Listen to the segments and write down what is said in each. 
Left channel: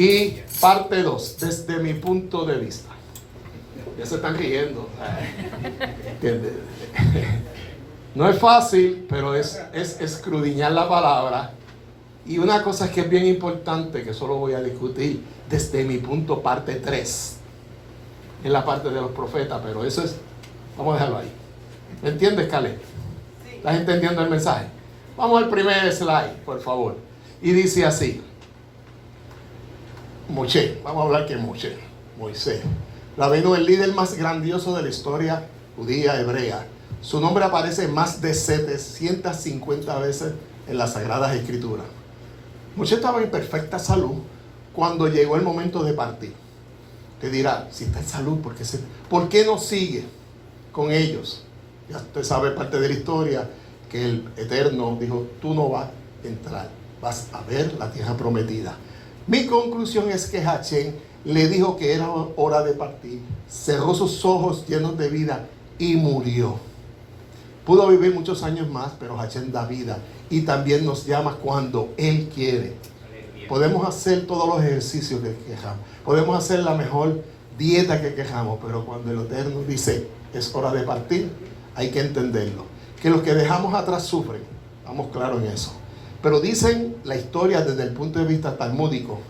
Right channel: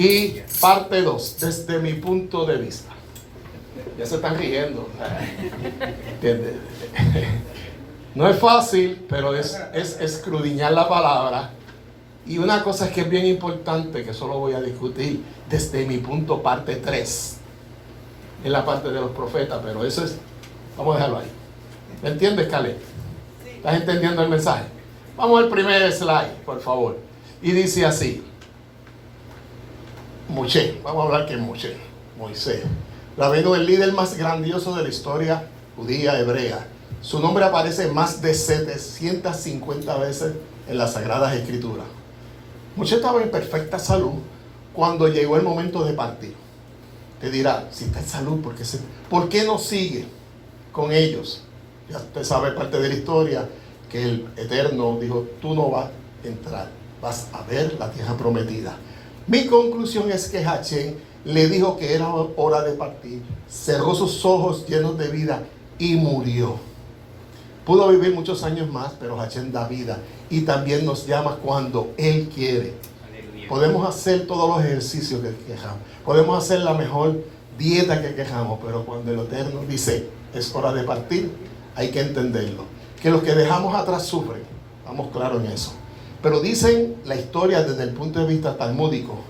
Y parte 2, desde mi punto de vista. Ya se están riendo. ¿Entiendes? No es fácil, pero es escudriñar la palabra. Y una cosa es que es bien importante, que solo voy a discutir desde mi punto, parte 3. En la parte de los profetas, pero eso es, vamos a dejarlo ahí. ¿Me entiendes, Caleb? ¿Estás entendiendo el mensaje? Vamos al primer slide, por favor. Y dice así. Moshe, vamos a hablar que Moisés. Rabino, el líder más grandioso de la historia judía hebrea. Su nombre aparece más de 750 veces en las Sagradas Escrituras. Moshe estaba en perfecta salud cuando llegó el momento de partir. Te dirá, si está en salud, ¿por qué no sigue con ellos? Ya usted sabe parte de la historia que el Eterno dijo, tú no vas a entrar, vas a ver la tierra prometida. Mi conclusión es que Hashem le dijo que era hora de partir, cerró sus ojos llenos de vida y murió. Pudo vivir muchos años más, pero Hashem da vida y también nos llama cuando Él quiere. Podemos hacer todos los ejercicios que quejamos, podemos hacer la mejor dieta que quejamos, pero cuando el Eterno dice es hora de partir, hay que entenderlo. Que los que dejamos atrás sufren, vamos claros en eso. Pero dicen la historia desde el punto de vista talmúdico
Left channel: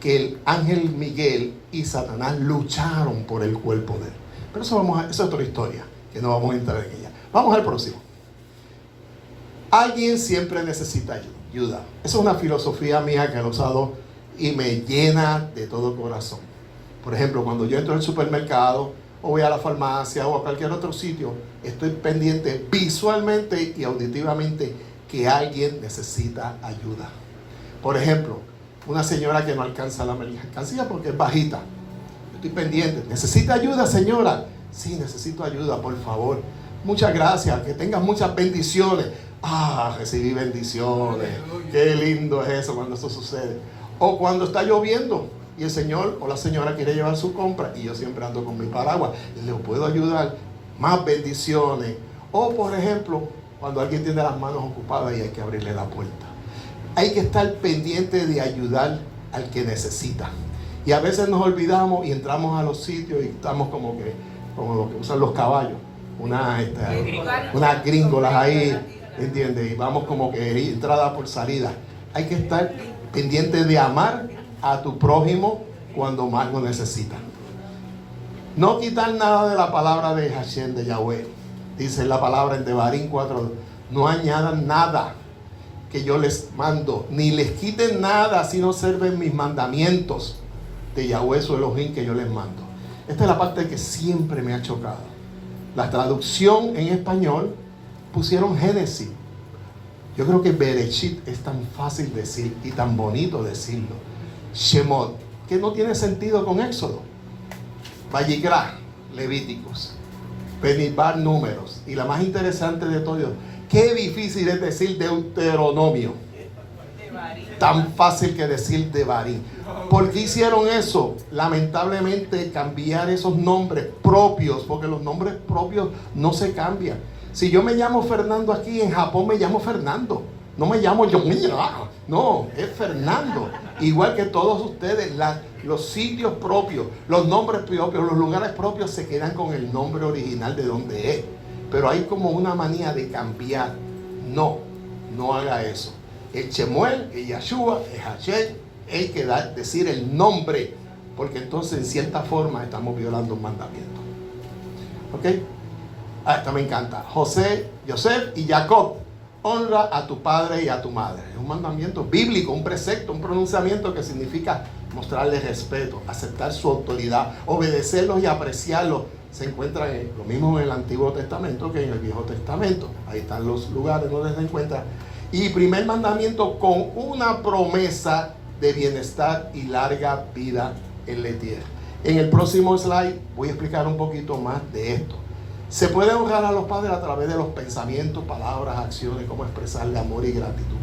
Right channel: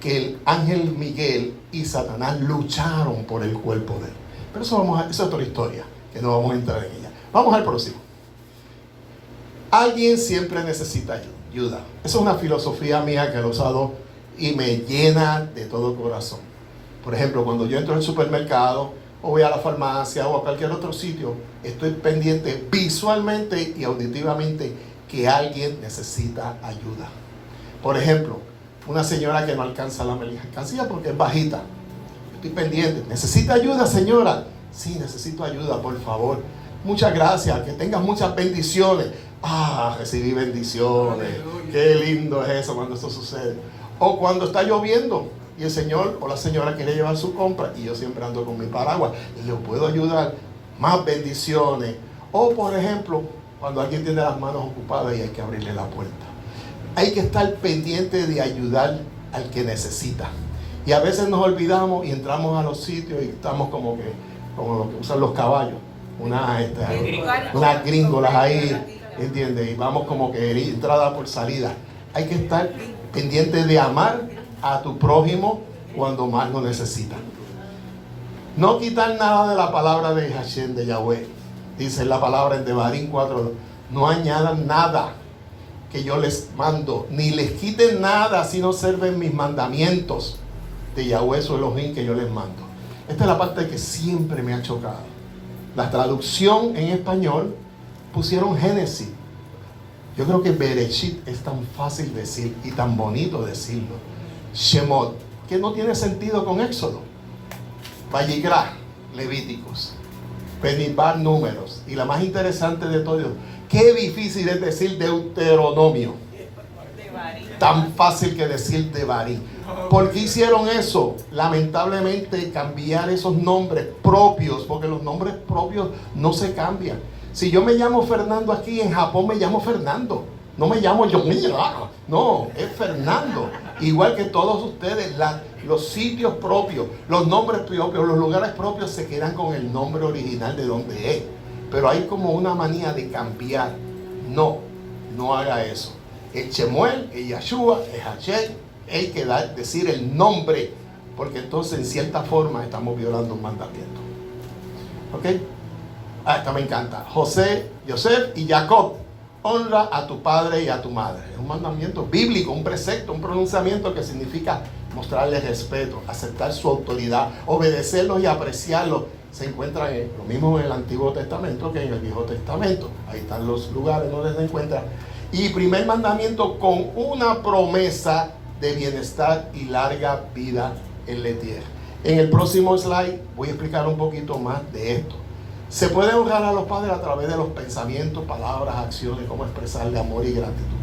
que el ángel Miguel y Satanás lucharon por el cuerpo de él. Pero eso es otra historia, que no vamos a entrar en ella. Vamos al próximo. Alguien siempre necesita ayuda. Esa es una filosofía mía que he usado y me llena de todo corazón. Por ejemplo, cuando yo entro al supermercado o voy a la farmacia o a cualquier otro sitio, estoy pendiente visualmente y auditivamente que alguien necesita ayuda. Por ejemplo, una señora que no alcanza la mercancía porque es bajita. Estoy pendiente. ¿Necesita ayuda, señora? Sí, necesito ayuda, por favor. Muchas gracias. Que tengas muchas bendiciones. Recibí bendiciones. Qué lindo es eso cuando eso sucede. O cuando está lloviendo y el señor o la señora quiere llevar su compra y yo siempre ando con mi paraguas y le puedo ayudar. Más bendiciones. O por ejemplo, cuando alguien tiene las manos ocupadas y hay que abrirle la puerta. Hay que estar pendiente de ayudar al que necesita. Y a veces nos olvidamos y entramos a los sitios y estamos como lo que usan los caballos. Unas gringolas ahí, ¿entiendes? Y vamos como que entrada por salida. Hay que estar pendiente de amar a tu prójimo cuando más lo necesita. No quitar nada de la palabra de Hashem, de Yahweh. Dice la palabra en Devarim 4. No añadan nada que yo les mando, ni les quiten nada si no observen mis mandamientos de Yahweh su Elohim que yo les mando. Esta es la parte que siempre me ha chocado. La traducción en español pusieron Génesis. Yo creo que Bereshit es tan fácil decir y tan bonito decirlo. Shemot, que no tiene sentido con Éxodo. Vayikra, Levíticos. Benidbar, Números. Y la más interesante de todo, qué difícil es decir Deuteronomio. Tan fácil que decir Devarim. ¿Por qué hicieron eso? Lamentablemente cambiar esos nombres propios, porque los nombres propios no se cambian. Si yo me llamo Fernando aquí, en Japón me llamo Fernando. No me llamo yo. No, es Fernando. Igual que todos ustedes, los sitios propios, los nombres propios, los lugares propios se quedan con el nombre original de donde es. Pero hay como una manía de cambiar. No haga eso. El Shemuel, el Yahshua, el Hashem, hay que decir el nombre, porque entonces en cierta forma estamos violando un mandamiento. ¿Ok? Esta me encanta. José, Yosef y Jacob, honra a tu padre y a tu madre. Es un mandamiento bíblico, un precepto, un pronunciamiento que significa mostrarles respeto, aceptar su autoridad, obedecerlos y apreciarlos. Se encuentra lo mismo en el Antiguo Testamento que en el Viejo Testamento. Ahí están los lugares donde se encuentra. Y primer mandamiento con una promesa de bienestar y larga vida en la tierra. En el próximo slide voy a explicar un poquito más de esto. Se puede honrar a los padres a través de los pensamientos, palabras, acciones, cómo expresarle amor y gratitud.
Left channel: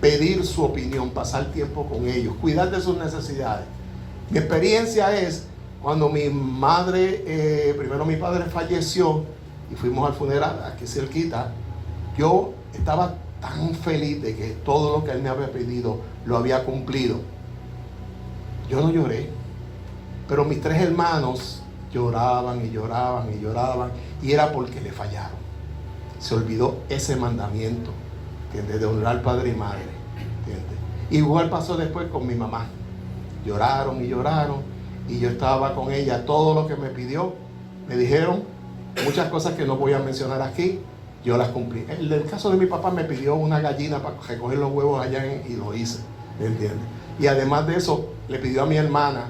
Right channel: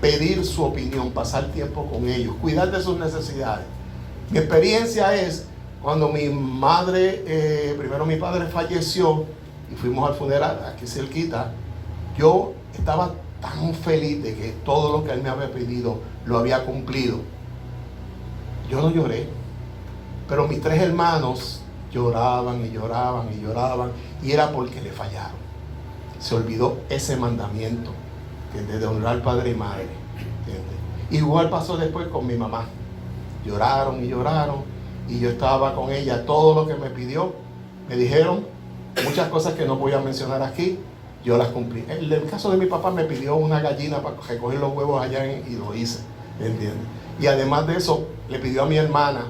Pedir su opinión, pasar tiempo con ellos, cuidar de sus necesidades. Mi experiencia es cuando mi madre, primero mi padre falleció y fuimos al funeral aquí cerquita, yo estaba tan feliz de que todo lo que él me había pedido lo había cumplido. Yo no lloré, pero mis 3 hermanos lloraban y lloraban y lloraban, y era porque le fallaron. Se olvidó ese mandamiento, ¿entiendes? De honrar padre y madre, ¿entiendes? Igual pasó después con mi mamá. Lloraron y lloraron, y yo estaba con ella. Todo lo que me pidió, me dijeron muchas cosas que no voy a mencionar aquí, yo las cumplí. En el caso de mi papá, me pidió una gallina para recoger los huevos allá y lo hice, ¿entiendes? Y además de eso, le pidió a mi hermana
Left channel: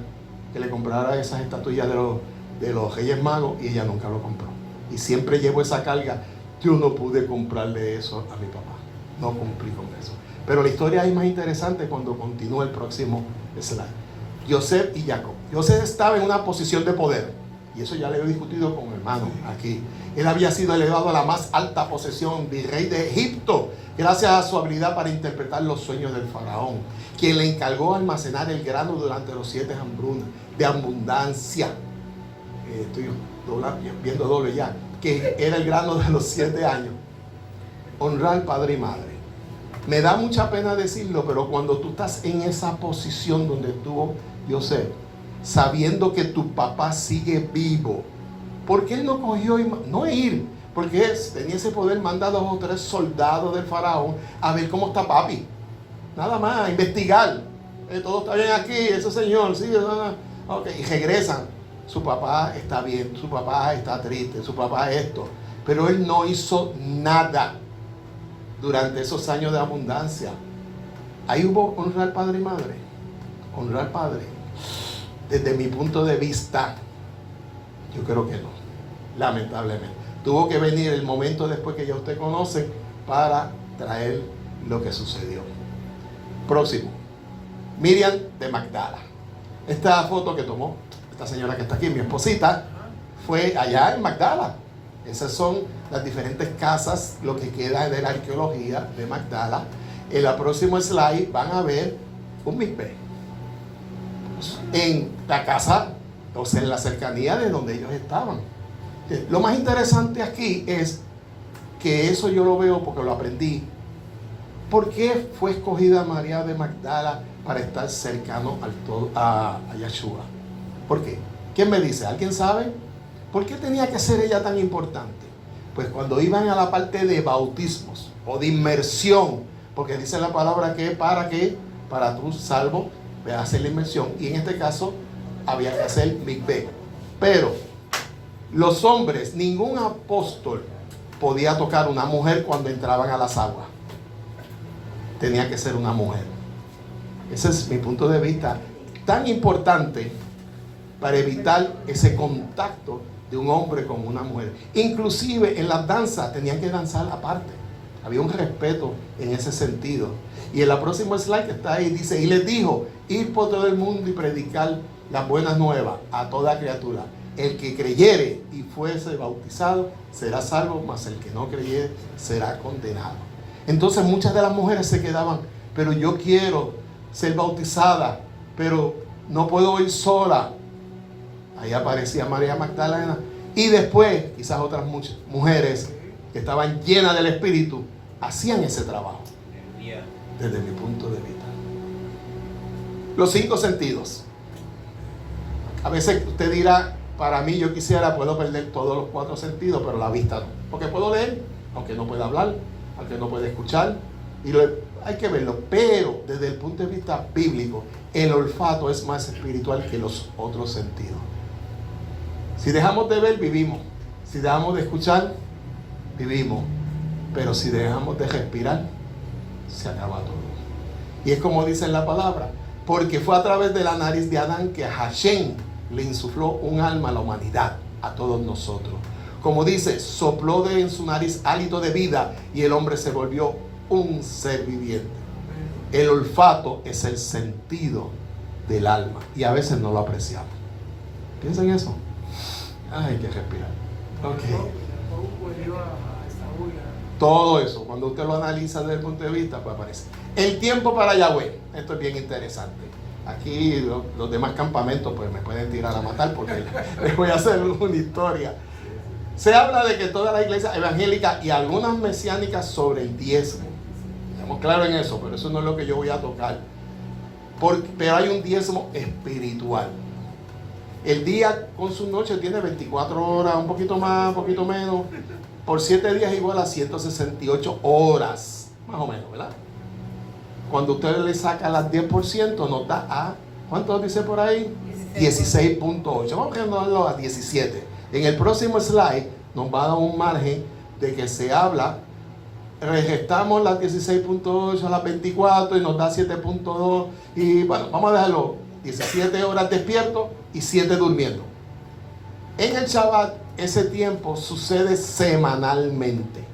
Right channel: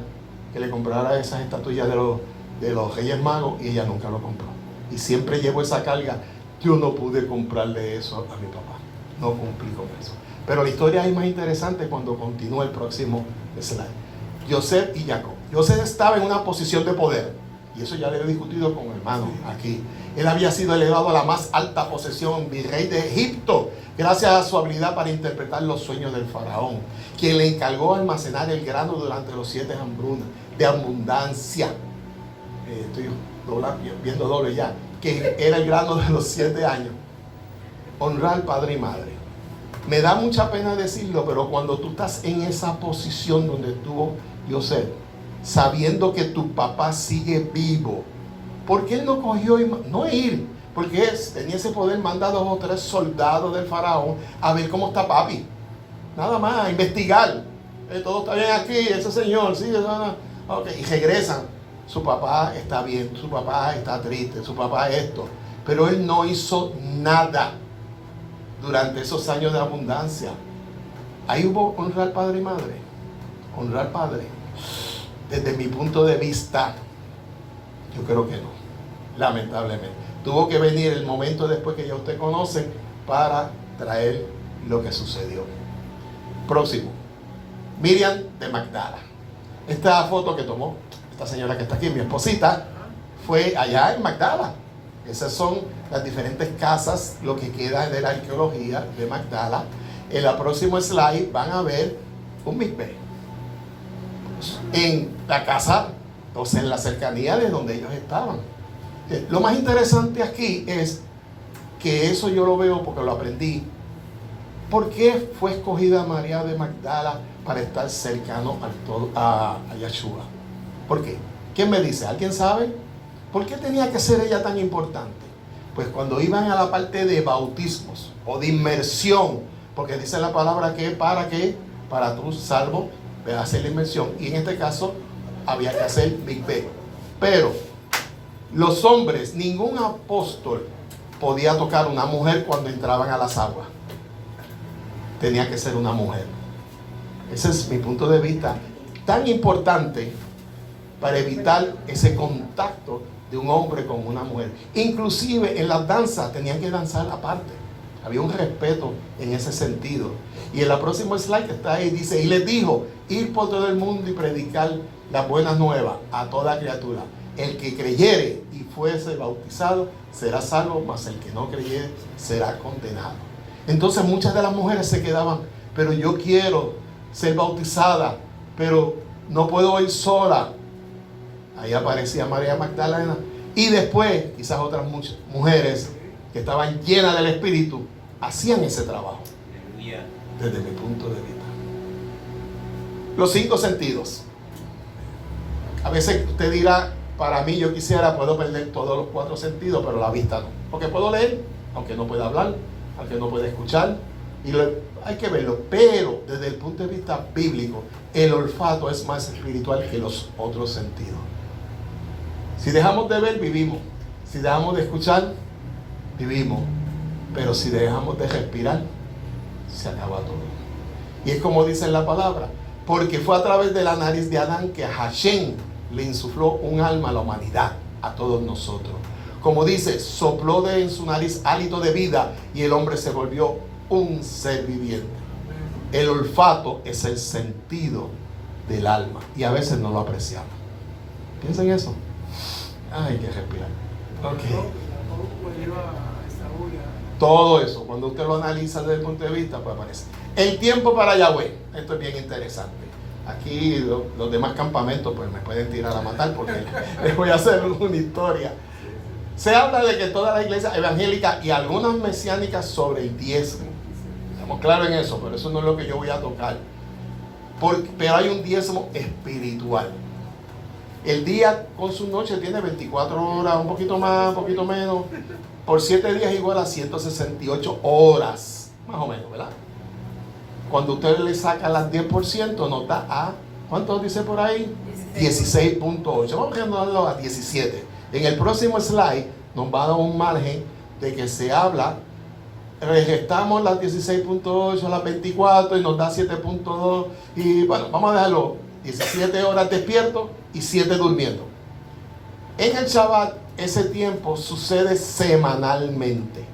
que le comprara esas estatuillas de los Reyes Magos, y ella nunca lo compró. Y siempre llevo esa carga. Yo no pude comprarle eso a mi papá, no cumplí con eso. Pero la historia es más interesante cuando continúa el próximo slide. Yosef y Jacob. Yosef estaba en una posición de poder, y eso ya lo he discutido con hermanos aquí. Él había sido elevado a la más alta posesión, virrey de Egipto, gracias a su habilidad para interpretar los sueños del faraón, quien le encargó almacenar el grano durante los 7 hambrunas de abundancia. Estoy viendo doble ya, que era el grano de los 7 años. Honrar padre y madre. Me da mucha pena decirlo, pero cuando tú estás en esa posición donde estuvo Yosef, sabiendo que tu papá sigue vivo, ¿por qué él no cogió no ir? Porque tenía ese poder, manda 2 o 3 soldados del faraón a ver cómo está papi. Nada más, a investigar. Todo está bien aquí, ese señor, sí, okay. Y regresan. Su papá está bien, su papá está triste, su papá esto. Pero él no hizo nada durante esos años de abundancia. Ahí hubo honrar padre y madre. Honrar padre. Desde mi punto de vista, yo creo que no. Lamentablemente. Tuvo que venir el momento después que ya usted conoce para traer lo que sucedió. Próximo. Miriam de Magdala. Esta foto que tomó esta señora que está aquí, mi esposita, fue allá en Magdala. Esas son las diferentes casas, lo que queda de la arqueología de Magdala. En la próxima slide van a ver un mispe en la casa, o sea, en la cercanía de donde ellos estaban. Lo más interesante aquí es que eso yo lo veo porque lo aprendí. ¿Por qué fue escogida María de Magdala para estar cercano a Yeshua? ¿Por qué? ¿Quién me dice? ¿Alguien sabe? ¿Por qué tenía que ser ella tan importante? Pues cuando iban a la parte de bautismos o de inmersión, porque dice la palabra que para qué, para tu salvo, de hacer la inmersión, y en este caso había que hacer mikveh. Pero los hombres, ningún apóstol podía tocar a una mujer cuando entraban a las aguas. Tenía que ser una mujer. Ese es mi punto de vista, tan importante para evitar ese contacto de un hombre con una mujer. Inclusive en las danzas tenían que danzar aparte. Había un respeto en ese sentido. Y en la próxima slide que está ahí dice, y les dijo, ir por todo el mundo y predicar las buenas nuevas a toda criatura. El que creyere y fuese bautizado será salvo, mas el que no creyere será condenado. Entonces muchas de las mujeres se quedaban, pero yo quiero ser bautizada, pero no puedo ir sola. Ahí aparecía María Magdalena. Y después, quizás otras muchas mujeres que estaban llenas del Espíritu, hacían ese trabajo. Desde mi punto de vista. Los 5 sentidos. A veces usted dirá, para mí yo quisiera, puedo perder todos los 4 sentidos, pero la vista no. Porque puedo leer, aunque no pueda hablar, aunque no pueda escuchar. Y hay que verlo. Pero desde el punto de vista bíblico, el olfato es más espiritual que los otros sentidos. Si dejamos de ver, vivimos. Si dejamos de escuchar, vivimos. Pero si dejamos de respirar, se acaba todo. Y es como dice en la palabra, porque fue a través de la nariz de Adán que a Hashem le insufló un alma a la humanidad, a todos nosotros. Como dice, sopló en su nariz hálito de vida y el hombre se volvió un ser viviente. El olfato es el sentido del alma y a veces no lo apreciamos. ¿Piensan eso? Hay que respirar. Okay. Todo eso, cuando usted lo analiza desde el punto de vista, pues aparece. El tiempo para Yahweh. Esto es bien interesante. Aquí los demás campamentos pues me pueden tirar a matar porque les voy a hacer una historia. Se habla de que toda la iglesia evangélica y algunas mesiánicas sobre el diezmo. Estamos claros en eso, pero eso no es lo que yo voy a tocar. Pero hay un diezmo espiritual. El día con su noche tiene 24 horas, un poquito más, un poquito menos. Por 7 días igual a 168 horas, más o menos, ¿verdad? Cuando usted le saca las 10%, nos da a, ¿cuánto dice por ahí? 16.8. Vamos a darlo a 17. En el próximo slide nos va a dar un margen de que se habla, regestamos las 16.8, las 24 y nos da 7.2. Y bueno, vamos a dejarlo 17 horas despierto y 7 durmiendo. En el Shabbat, ese tiempo sucede semanalmente.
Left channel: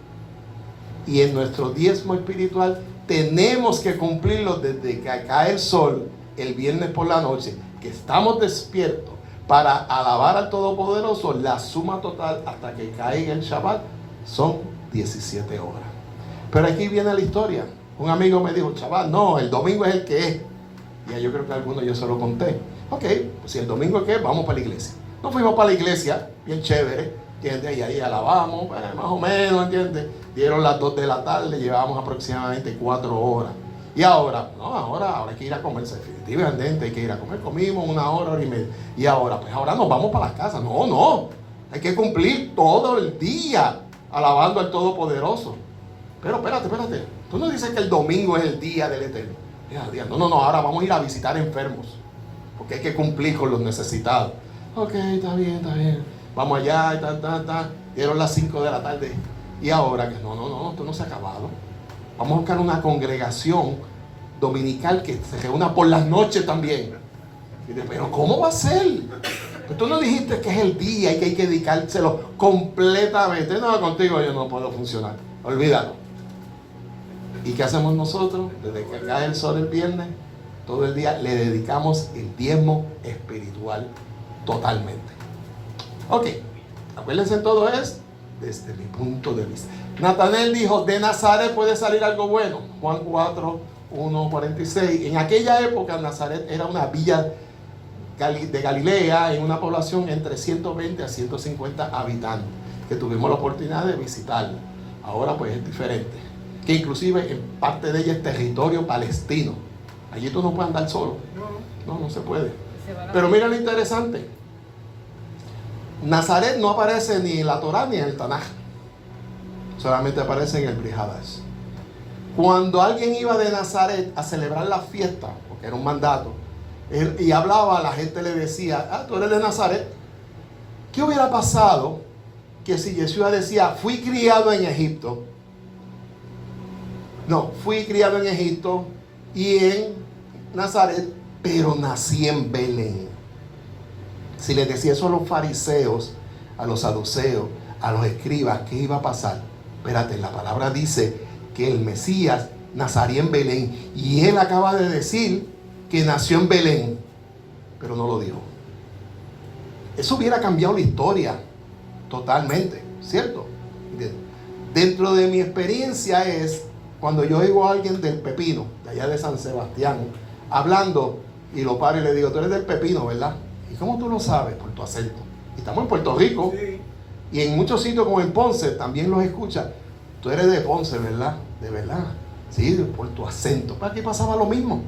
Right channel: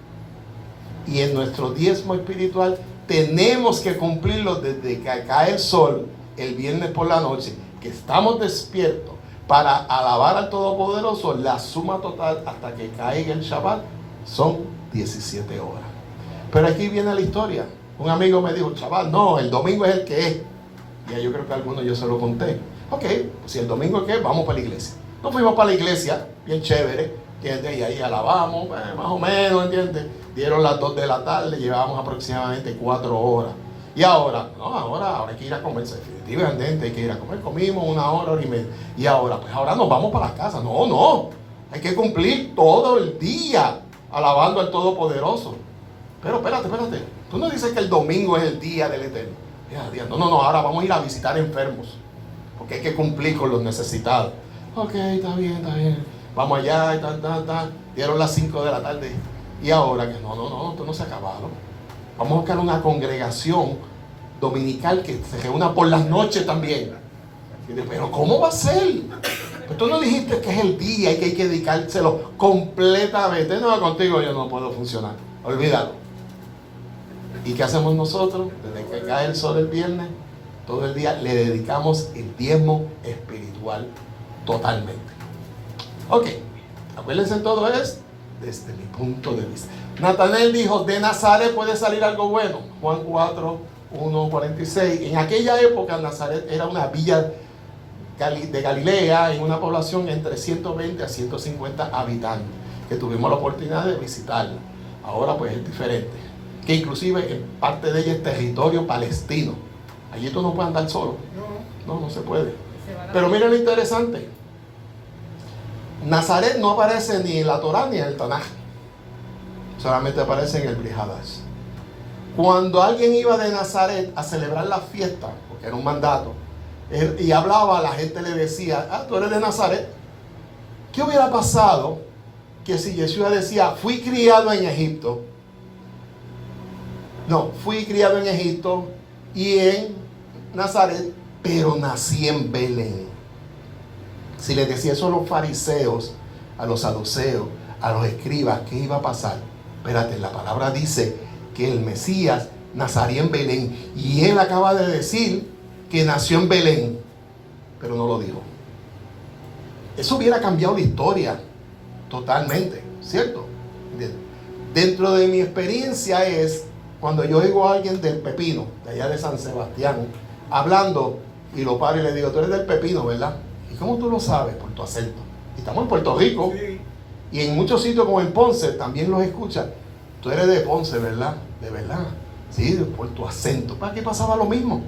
Y en nuestro diezmo espiritual tenemos que cumplirlo desde que cae el sol el viernes por la noche, que estamos despiertos para alabar al Todopoderoso. La suma total hasta que caiga el Shabbat son 17 horas. Pero aquí viene la historia. Un amigo me dijo, chaval, no, el domingo es el que es. Y yo creo que a algunos yo se lo conté. Ok, pues si el domingo es que es, vamos para la iglesia. Nos fuimos para la iglesia, bien chévere, ¿entiendes? Y ahí alabamos, más o menos, ¿entiendes? Dieron las 2 de la tarde, llevábamos aproximadamente 4 horas. Y ahora, no, ahora hay que ir a comer, definitivamente hay que ir a comer. Comimos 1 hora, hora y media. Y ahora, pues ahora nos vamos para la casa. No, hay que cumplir todo el día alabando al Todopoderoso. Pero espérate, tú no dices que el domingo es el día del Eterno. No, ahora vamos a ir a visitar enfermos, porque hay que cumplir con los necesitados. Ok, está bien. Vamos allá y tal. Dieron las 5 de la tarde. Y ahora que no, esto no se ha acabado. Vamos a buscar una congregación dominical que se reúna por las noches también. Y dice, pero ¿cómo va a ser? Tú no dijiste que es el día y que hay que dedicárselo completamente. No, contigo yo no puedo funcionar. Olvídalo. ¿Y qué hacemos nosotros? Desde que cae el sol el viernes, todo el día le dedicamos el diezmo espiritual totalmente. Ok, acuérdense, todo es desde mi punto de vista. Natanael dijo, de Nazaret puede salir algo bueno. Juan 4, 1, 46. En aquella época Nazaret era una villa de Galilea, en una población entre 120 a 150 habitantes, que tuvimos la oportunidad de visitarlo. Ahora pues es diferente, que inclusive en parte de ella es territorio palestino. Allí tú no puedes andar solo. No se puede. Pero mira lo interesante. Nazaret no aparece ni en la Torá ni en el Tanaj. Solamente aparece en el Brit Hadash. Cuando alguien iba de Nazaret a celebrar la fiesta, porque era un mandato, y hablaba, la gente le decía, tú eres de Nazaret. ¿Qué hubiera pasado que si Yeshua decía, fui criado en Egipto? No, fui criado en Egipto y en Nazaret, pero nací en Belén. Si les decía eso a los fariseos, a los saduceos, a los escribas, ¿qué iba a pasar? Espérate, la palabra dice que el Mesías nacería en Belén. Y él acaba de decir que nació en Belén, pero no lo dijo. Eso hubiera cambiado la historia totalmente, ¿cierto? Dentro de mi experiencia es cuando yo oigo a alguien del Pepino, de allá de San Sebastián, hablando, y lo paro y le digo, tú eres del Pepino, ¿verdad? ¿Y cómo tú lo sabes? Por tu acento. Y estamos en Puerto Rico, sí. Y en muchos sitios como en Ponce también los escuchan. Tú eres de Ponce, ¿verdad? De verdad. Sí, por tu acento. ¿Para qué pasaba lo mismo?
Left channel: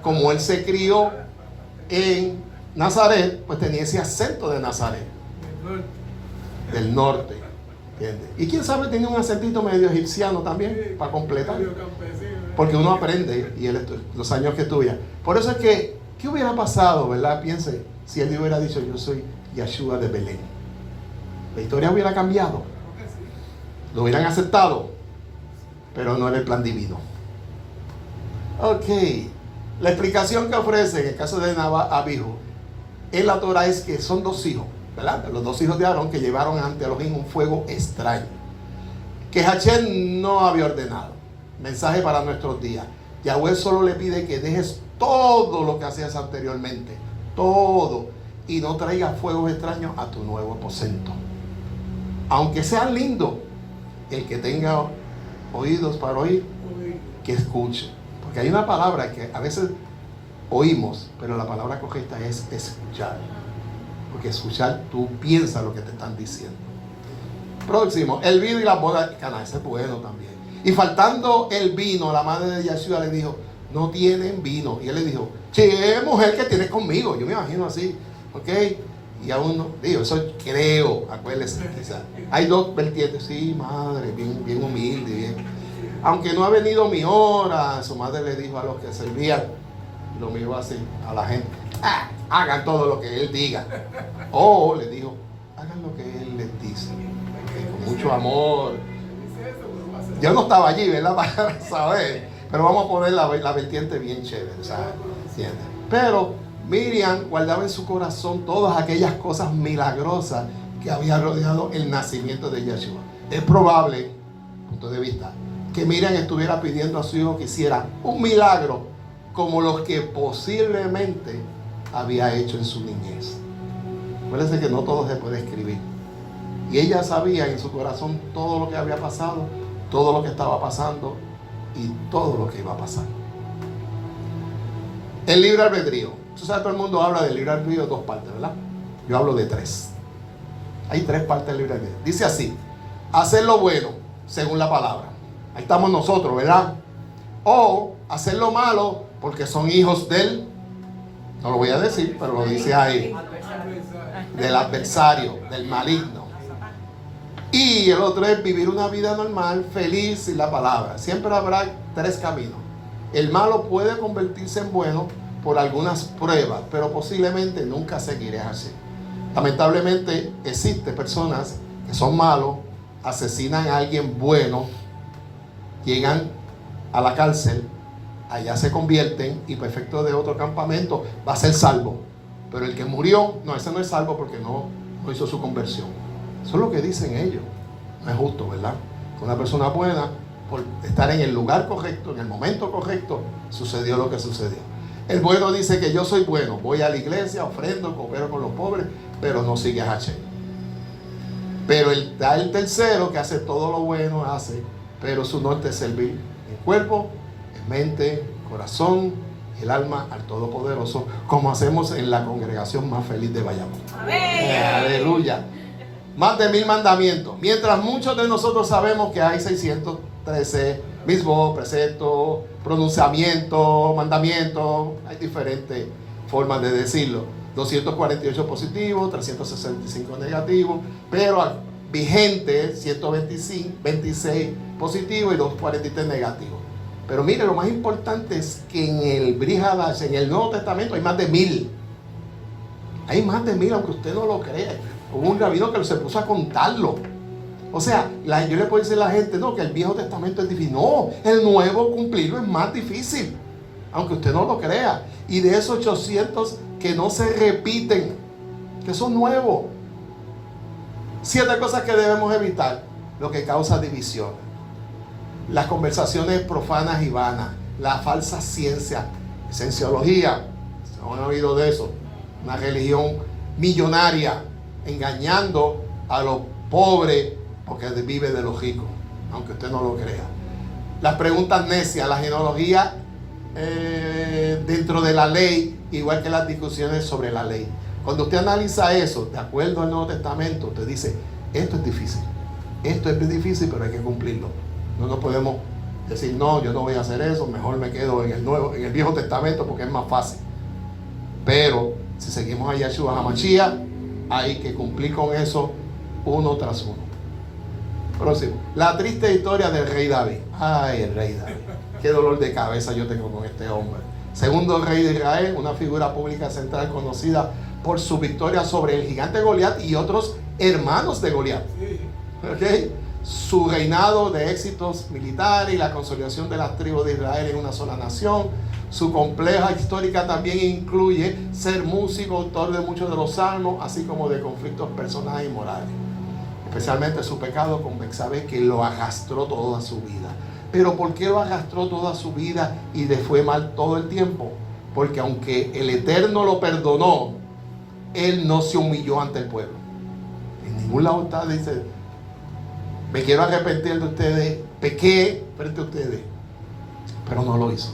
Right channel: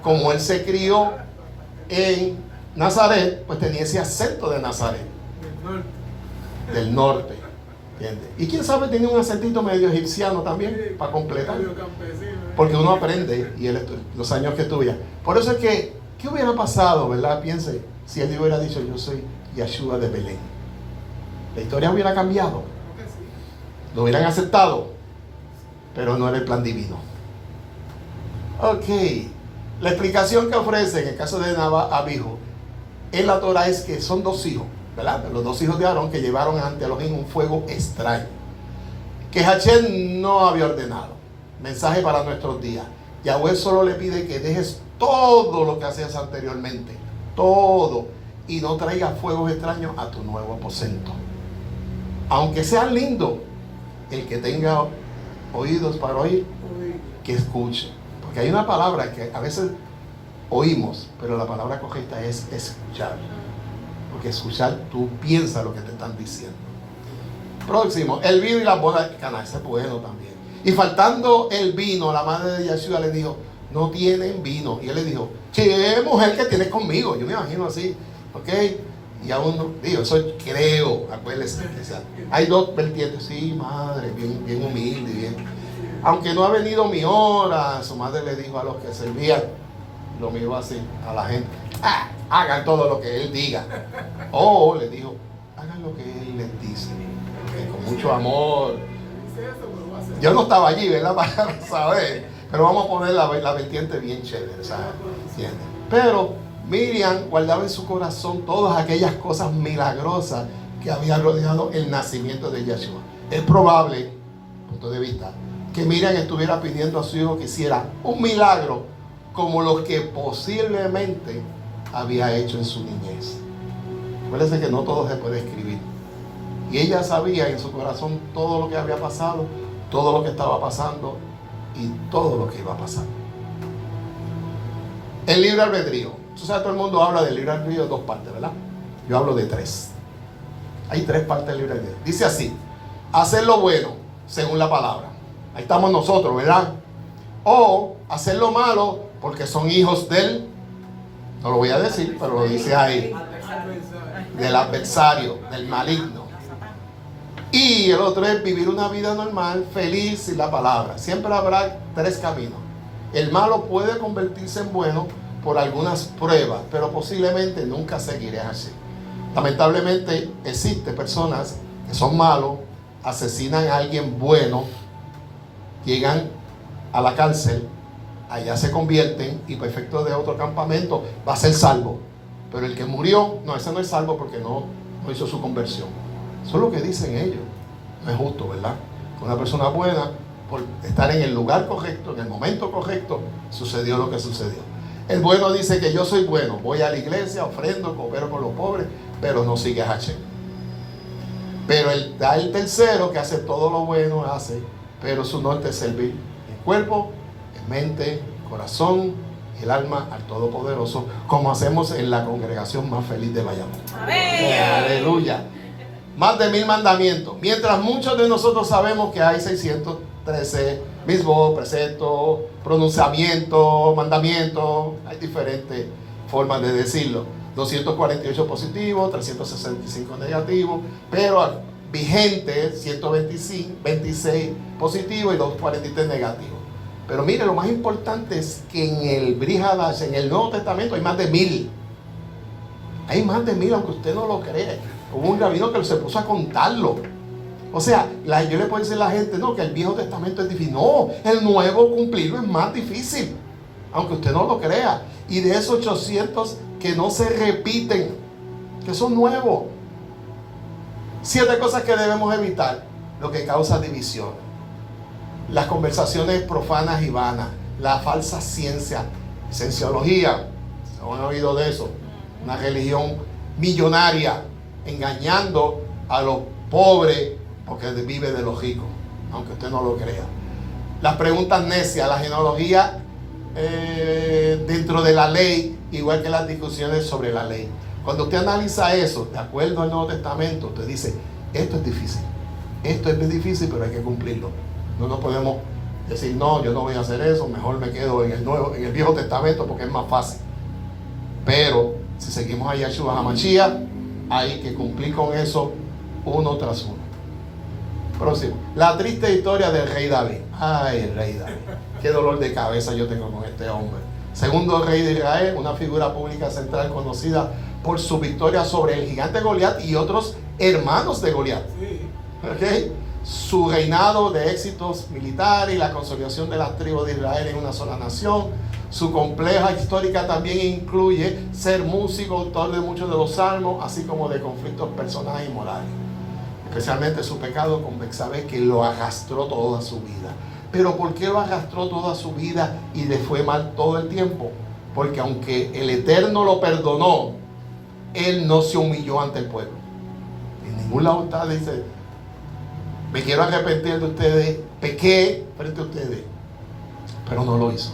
Como él se crió en Nazaret, pues tenía ese acento de Nazaret. Del norte. ¿Entiendes? Y quién sabe, tiene un acentito medio egipciano también, para completar. Porque uno aprende, y los años que estudia. Por eso es que, ¿qué hubiera pasado, verdad? Piense, si él hubiera dicho, yo soy Yeshua de Belén. La historia hubiera cambiado. Lo hubieran aceptado, pero no era el plan divino. Ok, la explicación que ofrece en el caso de Abijo en la Torah es que son 2 hijos, ¿verdad? Los 2 hijos de Aarón que llevaron ante Elohim un fuego extraño, que Hashem no había ordenado. Mensaje para nuestros días. Yahweh solo le pide que dejes todo lo que hacías anteriormente, todo, y no traigas fuegos extraños a tu nuevo aposento. Aunque sea lindo, el que tenga oídos para oír, que escuche. Porque hay una palabra que a veces oímos, pero la palabra correcta es escuchar. Porque escuchar, tú piensas lo que te están diciendo. Próximo, el vino y la boda de Caná, ese es bueno también. Y faltando el vino, la madre de Yeshua le dijo, no tienen vino. Y él le dijo, ¿qué mujer que tienes conmigo? Yo me imagino así, ¿ok? Y aún no, digo, eso creo, acuérdense, o sea, hay dos vertientes, sí, madre, bien humilde, bien. Aunque no ha venido mi hora, su madre le dijo a los que servían, lo miró así, a la gente, hagan todo lo que él diga. O le dijo, hagan lo que él les dice, con mucho amor. Yo no estaba allí, ¿verdad? Para saber, pero vamos a poner la vertiente bien chévere, ¿sabes? Pero Miriam guardaba en su corazón todas aquellas cosas milagrosas que había rodeado el nacimiento de Yeshua. Es probable, punto de vista, que Miriam estuviera pidiendo a su hijo que hiciera un milagro como los que posiblemente había hecho en su niñez. Acuérdense que no todo se puede escribir. Y ella sabía en su corazón todo lo que había pasado, todo lo que estaba pasando y todo lo que iba a pasar. El libre albedrío. Tú sabes, todo el mundo habla del libre albedrío de dos partes, ¿verdad? Yo hablo de tres. Hay tres partes del libre albedrío. Dice así: hacer lo bueno según la palabra. Ahí estamos nosotros, ¿verdad? O hacer lo malo porque son hijos del, no lo voy a decir, pero lo dice ahí, del adversario, del maligno. Y el otro es vivir una vida normal, feliz sin la palabra. Siempre habrá tres caminos. El malo puede convertirse en bueno por algunas pruebas, pero posiblemente nunca seguirá así. Lamentablemente existen personas que son malos, asesinan a alguien bueno, llegan a la cárcel, allá se convierten y por efecto de otro campamento va a ser salvo. Pero el que murió, no, ese no es salvo porque no hizo su conversión. Eso es lo que dicen ellos. No es justo, ¿verdad? Una persona buena, por estar en el lugar correcto, en el momento correcto, sucedió lo que sucedió. El bueno dice que yo soy bueno, voy a la iglesia, ofrendo, coopero con los pobres, pero no sigue a Hashem. Pero está el tercero que hace todo lo bueno, pero su norte es servir el cuerpo, el mente, corazón, el alma al Todopoderoso, como hacemos en la congregación más feliz de Bayamón. ¡Amén! ¡Aleluya! Más de 1000 mandamientos. Mientras muchos de nosotros sabemos que hay 613 mismos preceptos, pronunciamientos, mandamientos, hay diferentes formas de decirlo. 248 positivos, 365 negativos, pero vigente 126 positivos y 243 negativos. Pero mire, lo más importante es que en el Brit Hadash, en el Nuevo Testamento, hay más de 1000. Hay más de 1000, aunque usted no lo cree. Hubo un rabino que se puso a contarlo. O sea, yo le puedo decir a la gente, no, que el Viejo Testamento es difícil. No, el Nuevo cumplirlo es más difícil, aunque usted no lo crea. Y de esos 800 que no se repiten, que son nuevos. 7 cosas que debemos evitar, lo que causa división. Las conversaciones profanas y vanas, la falsa ciencia, cienciología, ¿se han oído de eso? Una religión millonaria, engañando a los pobres porque vive de los ricos, aunque usted no lo crea. Las preguntas necias, la genealogía dentro de la ley, igual que las discusiones sobre la ley. Cuando usted analiza eso, de acuerdo al Nuevo Testamento, usted dice, esto es difícil, esto es difícil, pero hay que cumplirlo. No podemos decir, no, yo no voy a hacer eso, mejor me quedo en el Viejo Testamento porque es más fácil. Pero si seguimos a Yeshua HaMashiach, hay que cumplir con eso uno tras uno. Próximo. La triste historia del rey David. Ay, el rey David. Qué dolor de cabeza yo tengo con este hombre. Segundo rey de Israel, una figura pública central conocida por su victoria sobre el gigante Goliat y otros hermanos de Goliat. ¿Okay? Su reinado de éxitos militares y la consolidación de las tribus de Israel en una sola nación. Su compleja histórica también incluye ser músico, autor de muchos de los salmos, así como de conflictos personales y morales. Especialmente su pecado con Betsabé, que lo arrastró toda su vida. Pero ¿por qué lo arrastró toda su vida y le fue mal todo el tiempo? Porque aunque el Eterno lo perdonó, él no se humilló ante el pueblo. En ningún lado está, dice, me quiero arrepentir de ustedes, pequé frente a ustedes, pero no lo hizo.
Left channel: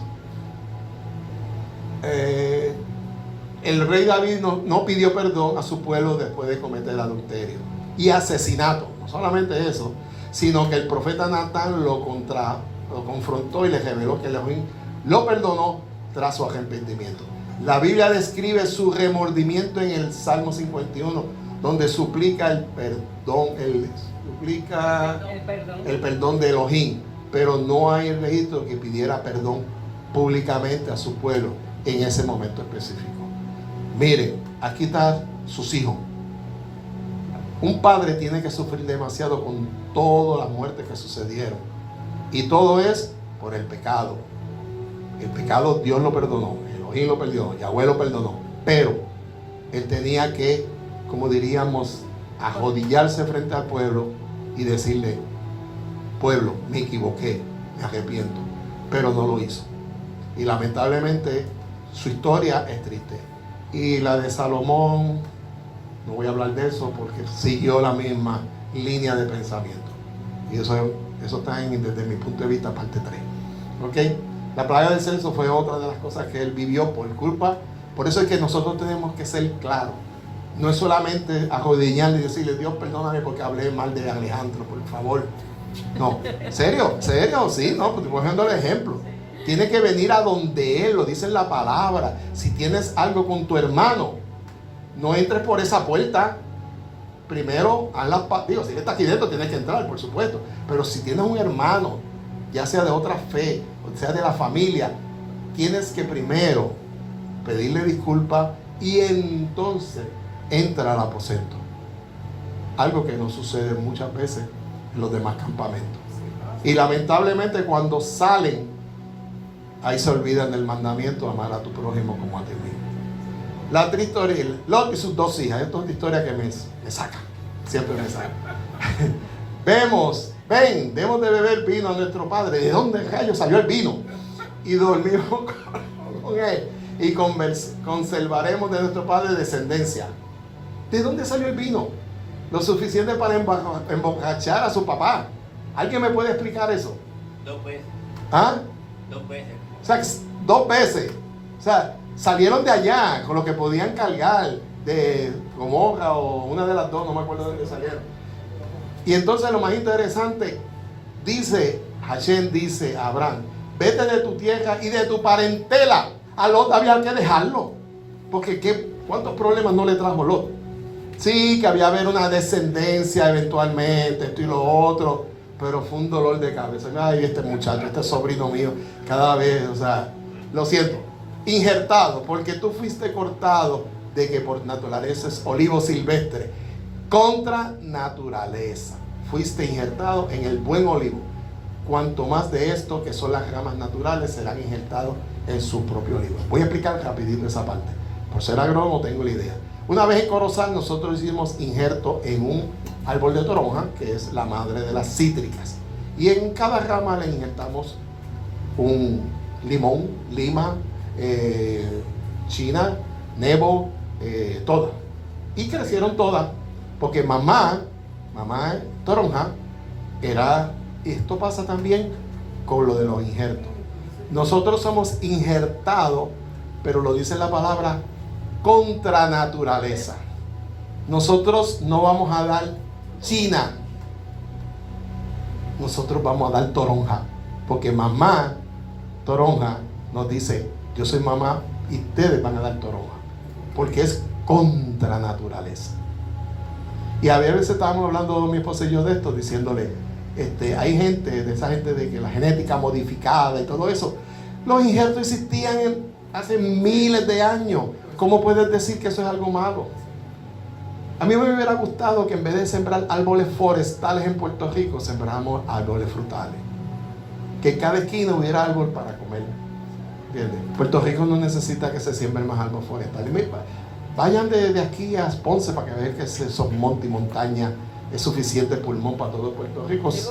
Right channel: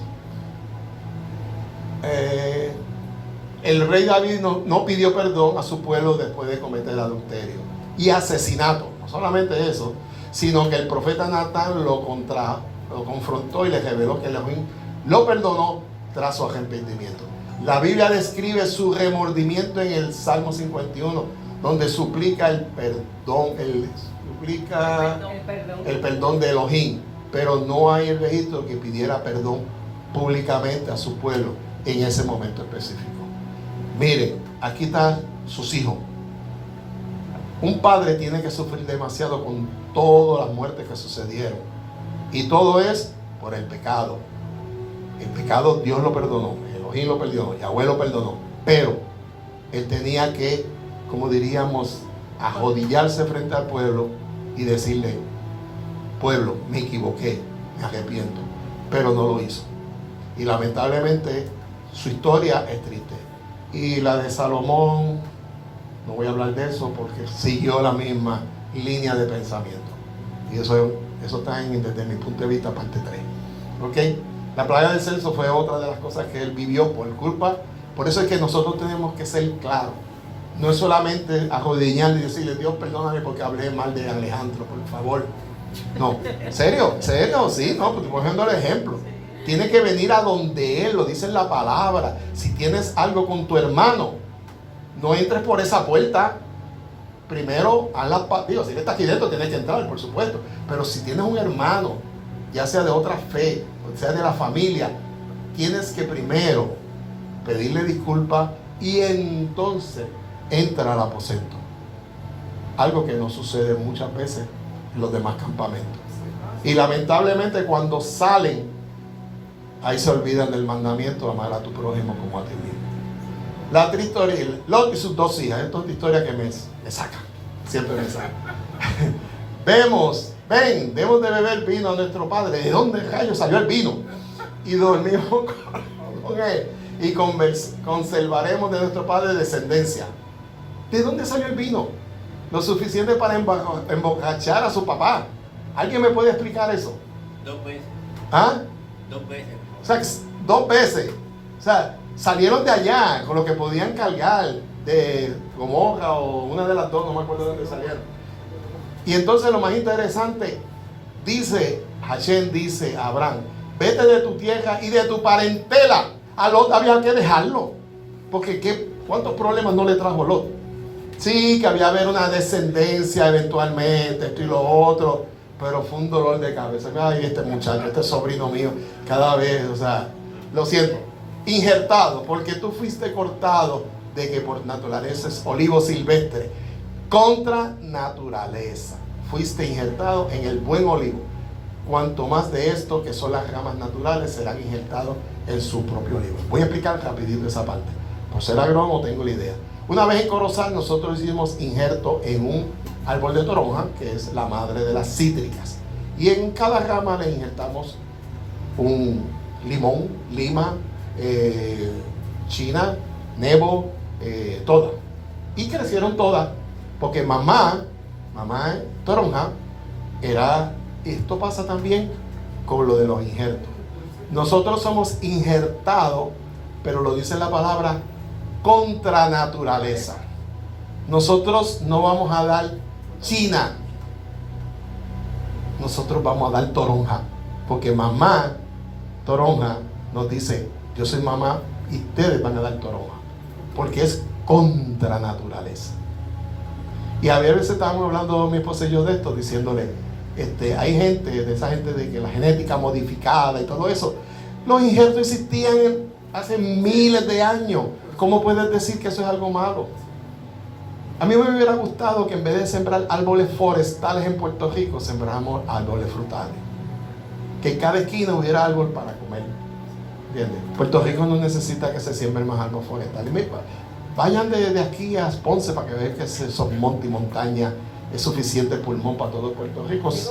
El rey David no pidió perdón a su pueblo después de cometer el adulterio y asesinato. No solamente eso, sino que el profeta Natán lo confrontó y le reveló que Elohim lo perdonó tras su arrepentimiento. La Biblia describe su remordimiento en el Salmo 51, donde suplica el perdón de Elohim, pero no hay el registro que pidiera perdón públicamente a su pueblo en ese momento específico. Miren, aquí están sus hijos. Un padre tiene que sufrir demasiado con todas las muertes que sucedieron, y todo es por el pecado. El pecado Dios lo perdonó, Elohim lo perdonó, Yahweh lo perdonó, pero él tenía que, como diríamos, arrodillarse frente al pueblo y decirle: pueblo, me equivoqué, me arrepiento, pero no lo hizo. Y lamentablemente su historia es triste. Y la de Salomón, no voy a hablar de eso porque siguió la misma línea de pensamiento. Y eso está desde mi punto de vista, parte 3. ¿Ok? La plaga del censo fue otra de las cosas que él vivió por culpa. Por eso es que nosotros tenemos que ser claros. No es solamente arrodillar y decirle: Dios, perdóname porque hablé mal de Alejandro, por favor. No, serio, sí, no, pues cogiendo el ejemplo. Tiene que venir a donde él, lo dice en la palabra. Si tienes algo con tu hermano, no entres por esa puerta. Primero, digo, si él está aquí dentro, tienes que entrar, por supuesto. Pero si tienes un hermano, ya sea de otra fe, o sea de la familia, tienes que primero pedirle disculpas y entonces entra al aposento. Algo que no sucede muchas veces en los demás campamentos. Y lamentablemente cuando salen, ahí se olvidan del mandamiento: amar a tu prójimo como a ti mismo. La triste historia, Lot y sus 2 hijas. Esto es una historia que me saca, siempre me saca. Debemos de beber vino a nuestro padre. ¿De dónde rayos salió el vino? Y dormimos con él, y conservaremos de nuestro padre descendencia. ¿De dónde salió el vino? Lo suficiente para emborrachar a su papá. ¿Alguien me puede explicar eso? 2 veces. ¿Ah? 2 veces. O sea, 2 veces. O sea, salieron de allá con lo que podían cargar, de Gomorra o una de las 2, no me acuerdo de dónde salieron. Y entonces lo más interesante, Hashem dice a Abraham: vete de tu tierra y de tu parentela. A Lot había que dejarlo, porque ¿cuántos problemas no le trajo Lot? Sí, que había haber una descendencia eventualmente, esto y lo otro, pero fue un dolor de cabeza. Ay, este muchacho, este sobrino mío, cada vez, o sea, lo siento. Injertado, porque tú fuiste cortado de que por naturaleza es olivo silvestre, contra naturaleza. Fuiste injertado en el buen olivo. Cuanto más de esto, que son las ramas naturales, serán injertados en su propio olivo. Voy a explicar rapidito esa parte. Por ser agrónomo tengo la idea. Una vez en Corozal nosotros hicimos injerto en un árbol de toronja, que es la madre de las cítricas. Y en cada rama le injertamos un limón, lima, china, nebo, todas. Y crecieron todas, porque mamá toronja era... Esto pasa también con lo de los injertos. Nosotros somos injertados, pero lo dice la palabra, contra naturaleza. Nosotros no vamos a dar china, nosotros vamos a dar toronja, porque mamá toronja nos dice: yo soy mamá y ustedes van a dar toronja, porque es contra naturaleza. Y a veces estábamos hablando mi esposa y yo de esto, diciéndole: hay gente, de esa gente de que la genética modificada y todo eso, los injertos existían hace miles de años. ¿Cómo puedes decir que eso es algo malo? A mí me hubiera gustado que en vez de sembrar árboles forestales en Puerto Rico, sembramos árboles frutales. Que en cada esquina hubiera árbol para comer. ¿Entiendes? Puerto Rico no necesita que se siembren más árboles forestales. Vayan de aquí a Ponce para que vean que esos montes y montañas es suficiente pulmón para todo Puerto Rico.